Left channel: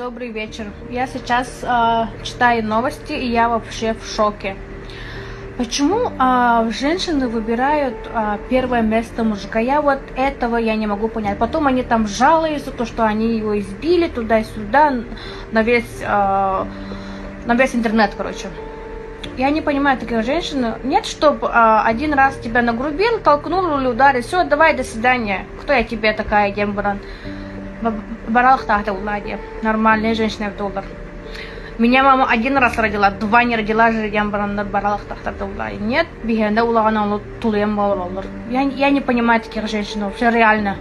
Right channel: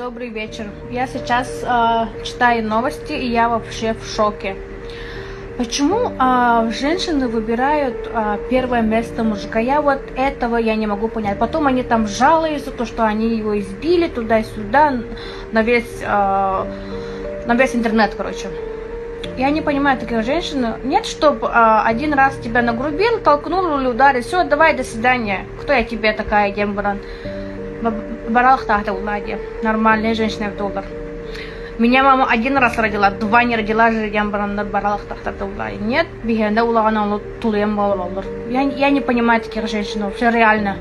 Добрый вечер. Я сейчас читаю новости, и я вообще в шоке. Почему женщины выбирают первое место мужика? Я вот этого я не могу понять. Потом они там жалуются, то, что они его избили туда-сюда, на весь интернет, короче. Я не понимаю таких женщин. Нет, чтобы один раз тебя нагрубил, толкнул или ударил. Все, давай, до свидания. Кто я тебе такая, Дембран? Баралах тахта уладья. Нормальная женщина в доллар. Меня мама один раз родила, два не родила же Дембран на баралах тахта уладья. Нет, бигенда улагана тулем доллар. Я не понимаю таких женщин, вообще реально.